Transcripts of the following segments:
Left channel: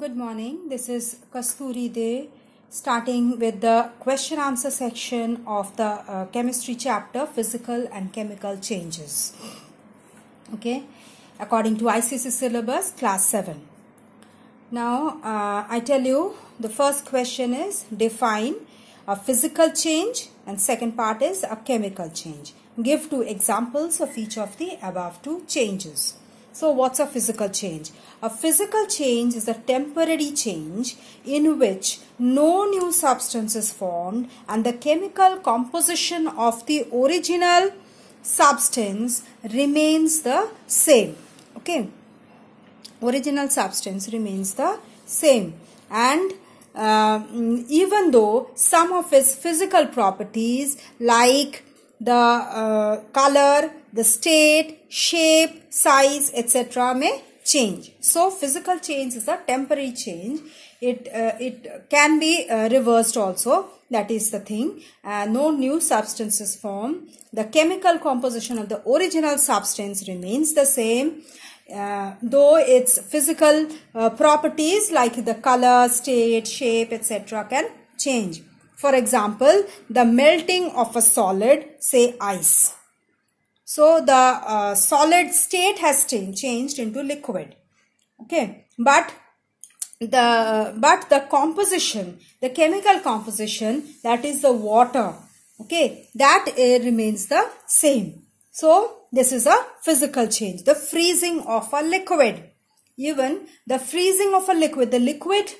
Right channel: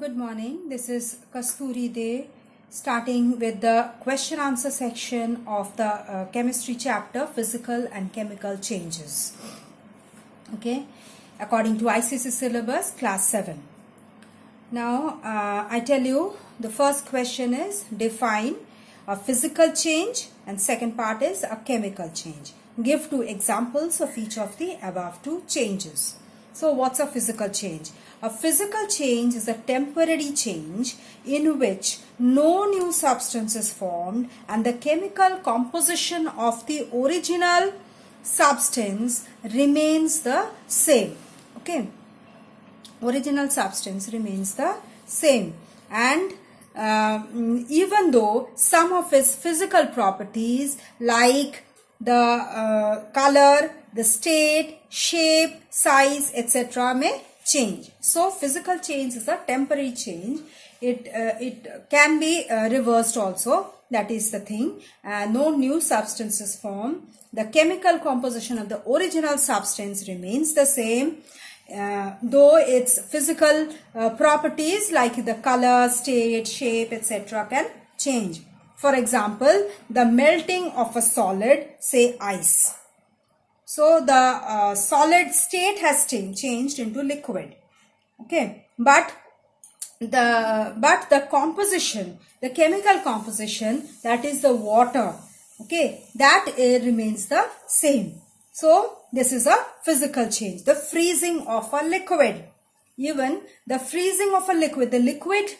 Good morning. This is Kasturi Day, starting with the question answer section of the chemistry chapter, physical and chemical changes. Okay, according to ICSE syllabus, class 7. Now, I tell you the first question is define a physical change and second part is a chemical change. Give two examples of each of the above two changes. So, what's a physical change? A physical change is a temporary change in which no new substance is formed and the chemical composition of the original substance remains the same. Okay, original substance remains the same, and even though some of its physical properties like the color, the state, shape, size, etc. may change. So, physical change is a temporary change. It can be reversed also. That is the thing. No new substances form. The chemical composition of the original substance remains the same, though its physical properties like the color, state, shape, etc. can change. For example, the melting of a solid, say ice. So, the solid state has changed into liquid. Okay, but the composition, the chemical composition, that is the water, okay, that remains the same. So, this is a physical change. The freezing of a liquid, even the freezing of a liquid, the liquid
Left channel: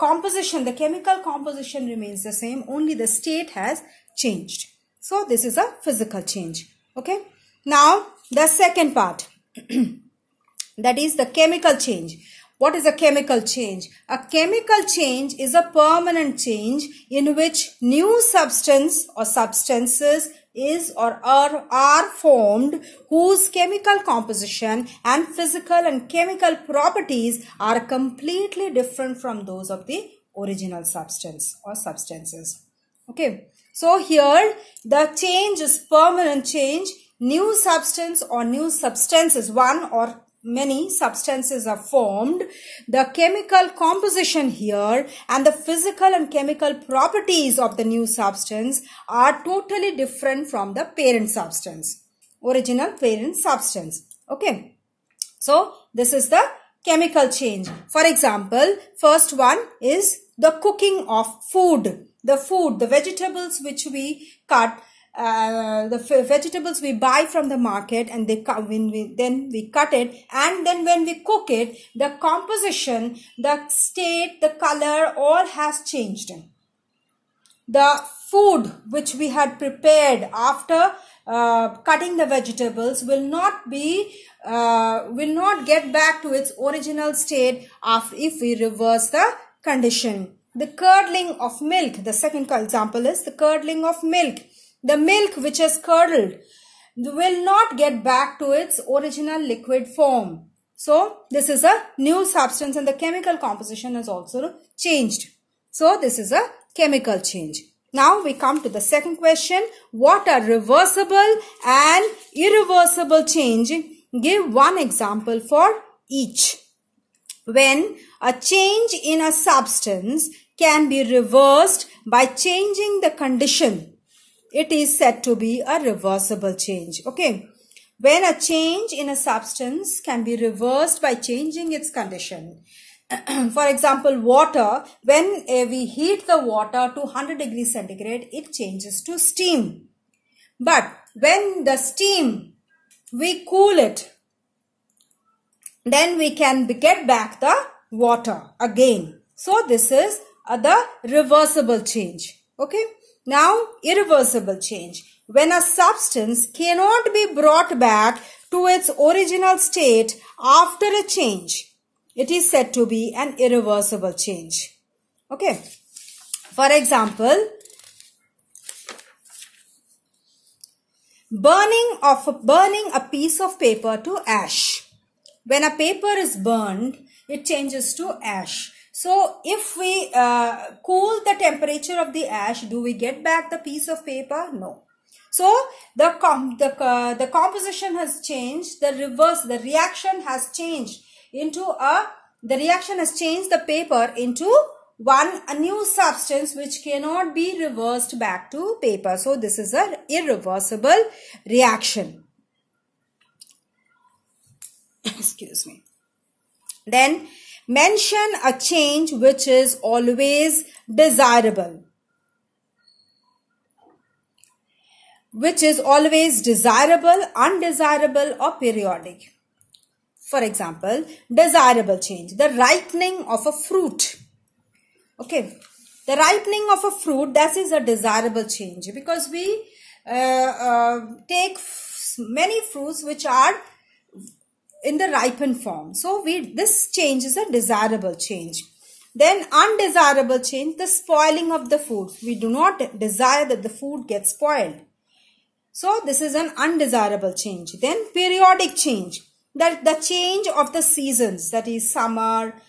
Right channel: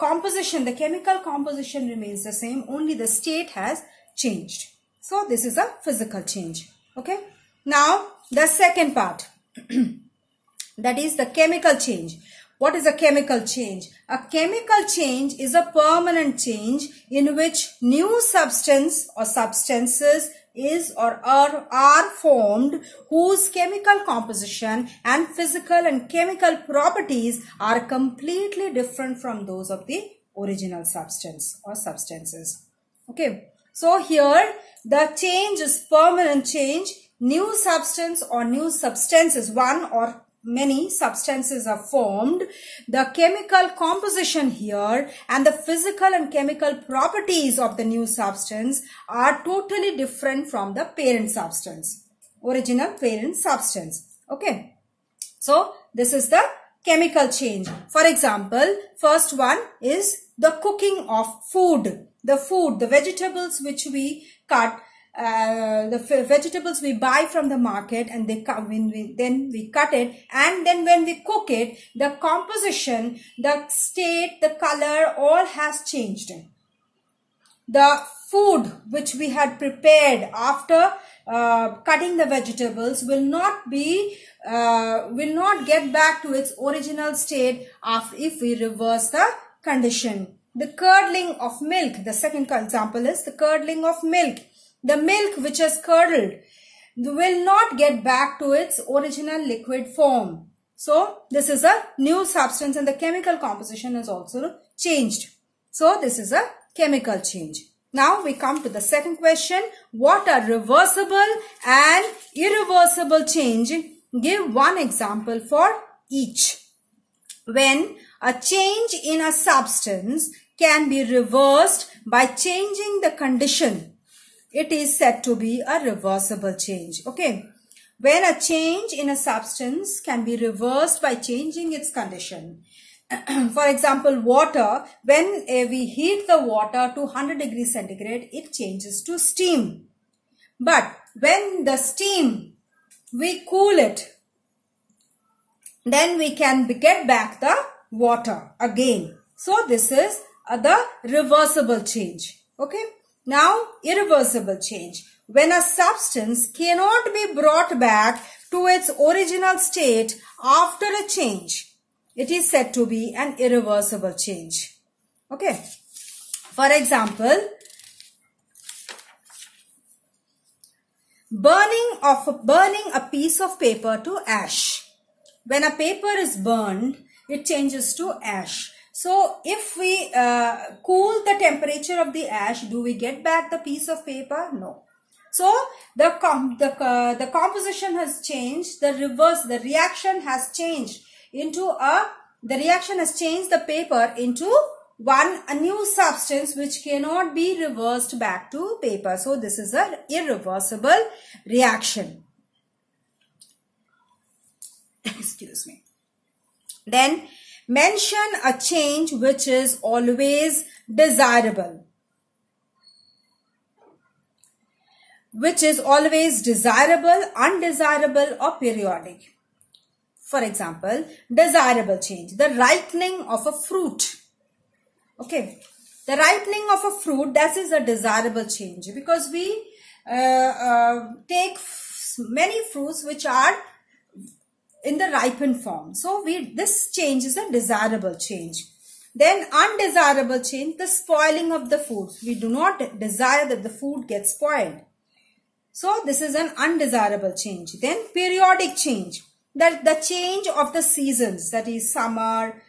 composition, the chemical composition remains the same, only the state has changed. So, this is a physical change. Okay. Now, the second part, that is the chemical change. What is a chemical change? A chemical change is a permanent change in which new substance or substances is or are formed whose chemical composition and physical and chemical properties are completely different from those of the original substance or substances. Okay. So, here the change is permanent change. New substance or new substances, one or many substances are formed. The chemical composition here and the physical and chemical properties of the new substance are totally different from the parent substance, original parent substance. Okay. So, this is the chemical change. For example, first one is the cooking of food. The vegetables which we cut, the vegetables we buy from the market, and then we cut it, and then when we cook it, the composition, the state, the color, all has changed. The food which we had prepared after cutting the vegetables will not get back to its original state after if we reverse the condition. The curdling of milk, the second example is the curdling of milk. The milk which has curdled will not get back to its original liquid form. So, this is a new substance and the chemical composition is also changed. So, this is a chemical change. Now, we come to the second question. What are reversible and irreversible change? Give one example for each. When a change in a substance can be reversed by changing the condition, it is said to be a reversible change. Okay. When a change in a substance can be reversed by changing its condition. For example, water, when we heat the water to 100 degrees centigrade, it changes to steam. But when the steam, we cool it, then we can get back the water again. So, this is the reversible change. Okay. Now, irreversible change. When a substance cannot be brought back to its original state after a change, it is said to be an irreversible change. Okay. For example, burning a piece of paper to ash. When a paper is burned, it changes to ash. So, if we cool the temperature of the ash, do we get back the piece of paper? No. So, the composition has changed, the reaction has changed into a the reaction has changed the paper into a new substance which cannot be reversed back to paper. So this is an irreversible reaction. Excuse me. Then mention a change which is always desirable. Which is always desirable, undesirable or periodic. For example, desirable change, the ripening of a fruit. Okay, the ripening of a fruit, that is a desirable change because we take many fruits which are in the ripened form. So this change is a desirable change. Then undesirable change, the spoiling of the food. We do not desire that the food gets spoiled. So this is an undesirable change. Then periodic change, that the change of the seasons, that is summer,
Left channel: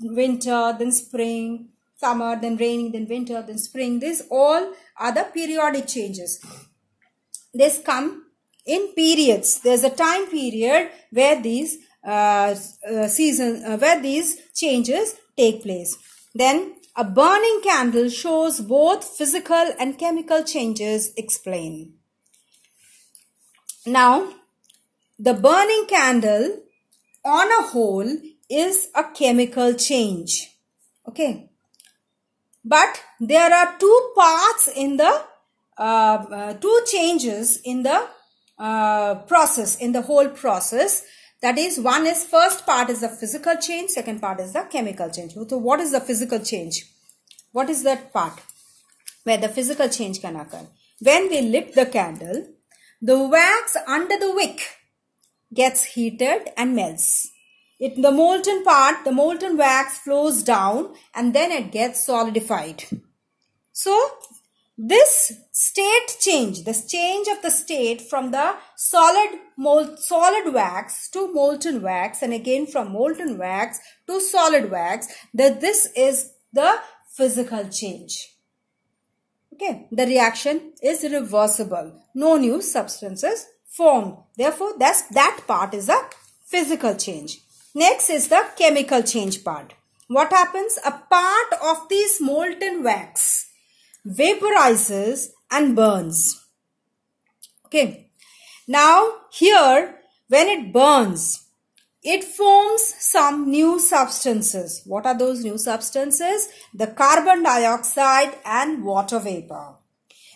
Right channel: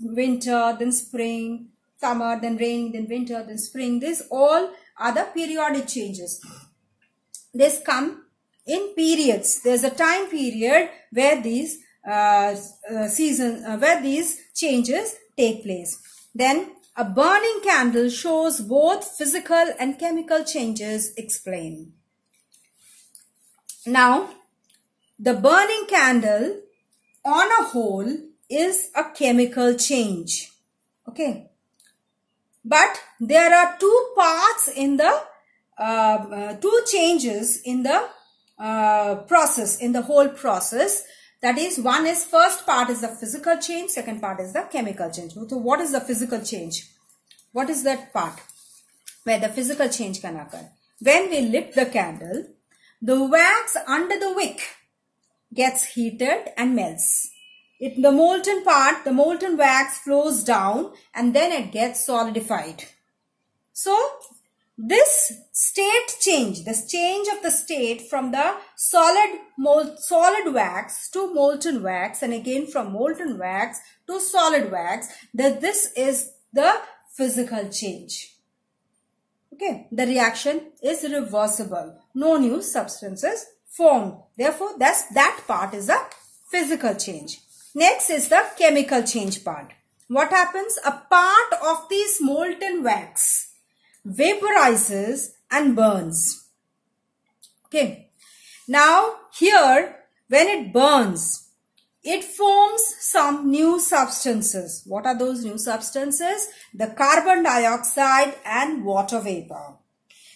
winter, then spring, summer, then rain, then winter, then spring. These all are the periodic changes. These come in periods. There's a time period where these where these changes take place. Then a burning candle shows both physical and chemical changes explained. Now, the burning candle on a whole is a chemical change. Okay. But there are two parts in the, two changes in the process, in the whole process. That is, one is, first part is the physical change, second part is the chemical change. So what is the physical change? What is that part where the physical change can occur? When we lit the candle, the wax under the wick gets heated and melts. The molten part, the molten wax flows down and then it gets solidified. So, this state change, this change of the state from the solid wax to molten wax and again from molten wax to solid wax, this is the physical change. Okay, the reaction is reversible. No new substances formed. Therefore, that part is a physical change. Next is the chemical change part. What happens? A part of this molten wax vaporizes and burns. Okay. Now, here, when it burns, it forms some new substances. What are those new substances? The carbon dioxide and water vapor.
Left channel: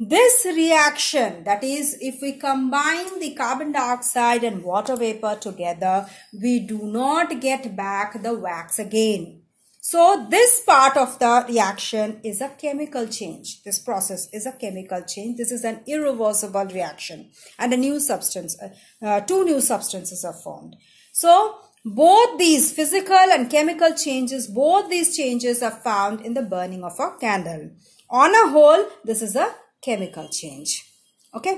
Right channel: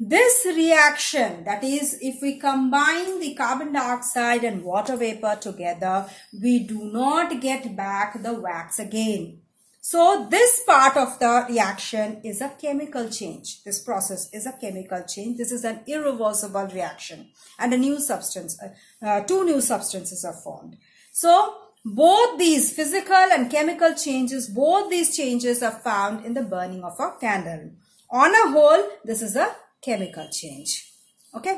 This reaction, that is, if we combine the carbon dioxide and water vapor together, we do not get back the wax again. So, this part of the reaction is a chemical change. This process is a chemical change. This is an irreversible reaction. And a new substance, two new substances are formed. So, both these physical and chemical changes, both these changes are found in the burning of a candle. On a whole, this is a chemical change. Okay.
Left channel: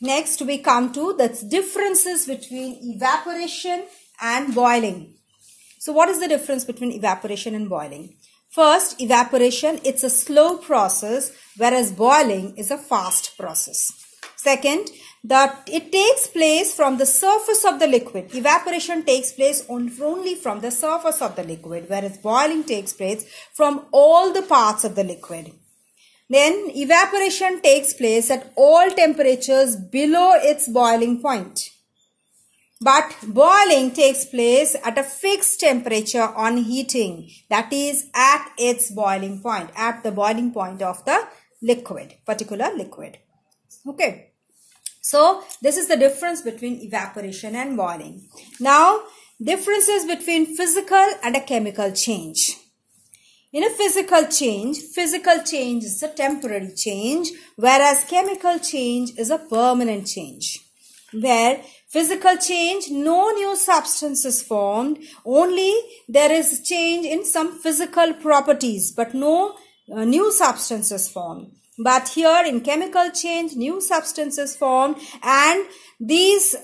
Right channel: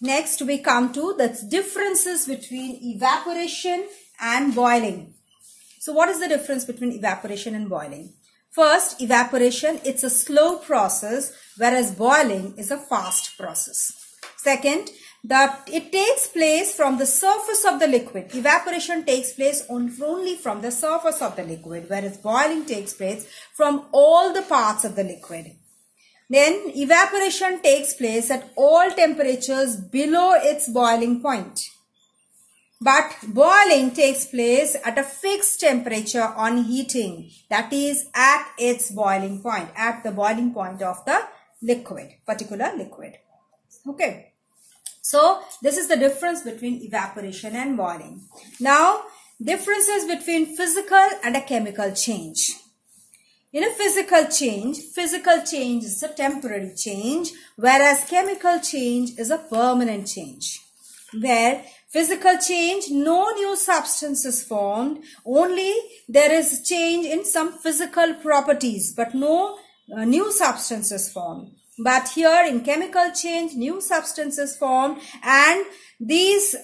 Next, we come to the differences between evaporation and boiling. So, what is the difference between evaporation and boiling? First, evaporation, it's a slow process, whereas boiling is a fast process. Second, it takes place from the surface of the liquid. Evaporation takes place only from the surface of the liquid, whereas boiling takes place from all the parts of the liquid. Then, evaporation takes place at all temperatures below its boiling point. But boiling takes place at a fixed temperature on heating, that is at its boiling point, at the boiling point of the liquid, particular liquid. Okay. So, this is the difference between evaporation and boiling. Now, differences between physical and a chemical change. In a physical change is a temporary change, whereas chemical change is a permanent change. Where physical change, no new substance is formed, only there is change in some physical properties, but no new substance is formed. But here in chemical change, new substances formed and these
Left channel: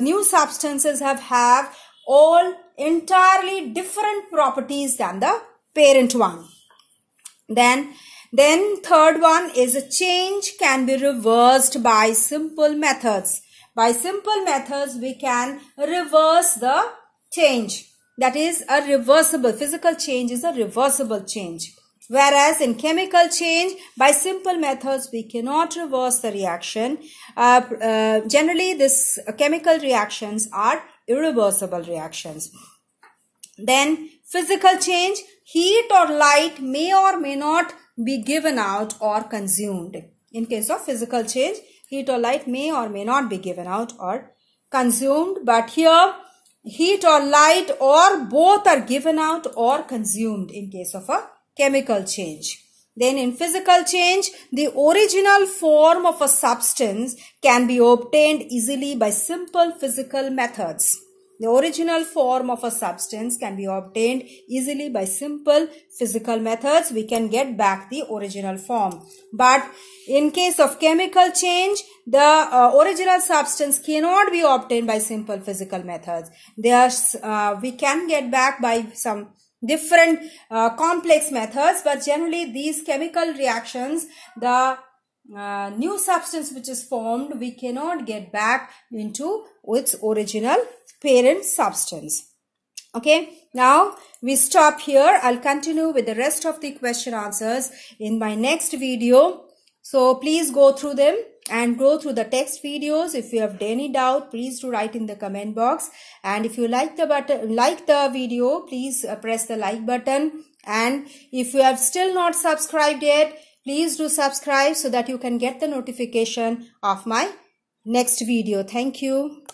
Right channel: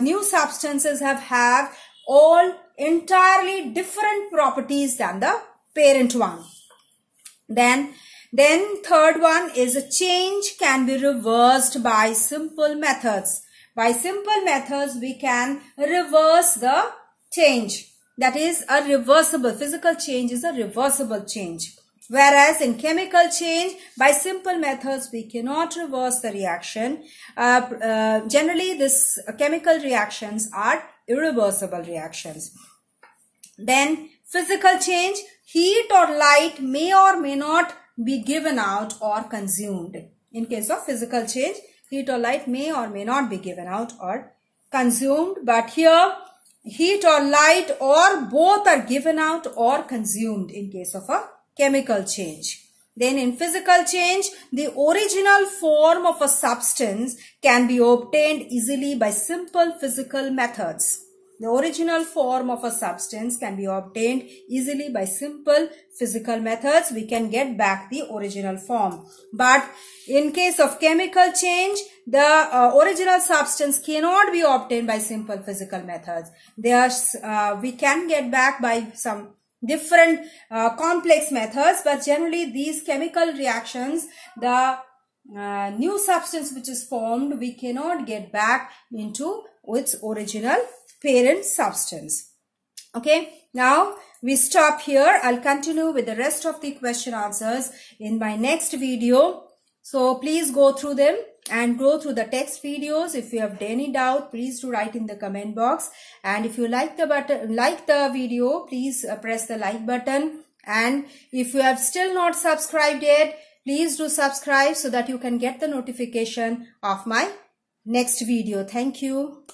new substances have all entirely different properties than the parent one. Then third one is a change can be reversed by simple methods. By simple methods, we can reverse the change. That is a reversible, physical change is a reversible change. Whereas in chemical change, by simple methods, we cannot reverse the reaction. Generally, this chemical reactions are irreversible reactions. Then physical change, heat or light may or may not be given out or consumed. In case of physical change, heat or light may or may not be given out or consumed. But here, heat or light or both are given out or consumed in case of a chemical change. Then in physical change, the original form of a substance can be obtained easily by simple physical methods. The original form of a substance can be obtained easily by simple physical methods. We can get back the original form. But in case of chemical change, the original substance cannot be obtained by simple physical methods. We can get back by some different complex methods, but generally these chemical reactions, the new substance which is formed, we cannot get back into its original parent substance. Okay, now we stop here. I'll continue with the rest of the question answers in my next video. So please go through them and go through the text videos. If you have any doubt, please do write in the comment box. And if you like the video, please press the like button. And if you have still not subscribed yet, please do subscribe so that you can get the notification of my next video. Thank you.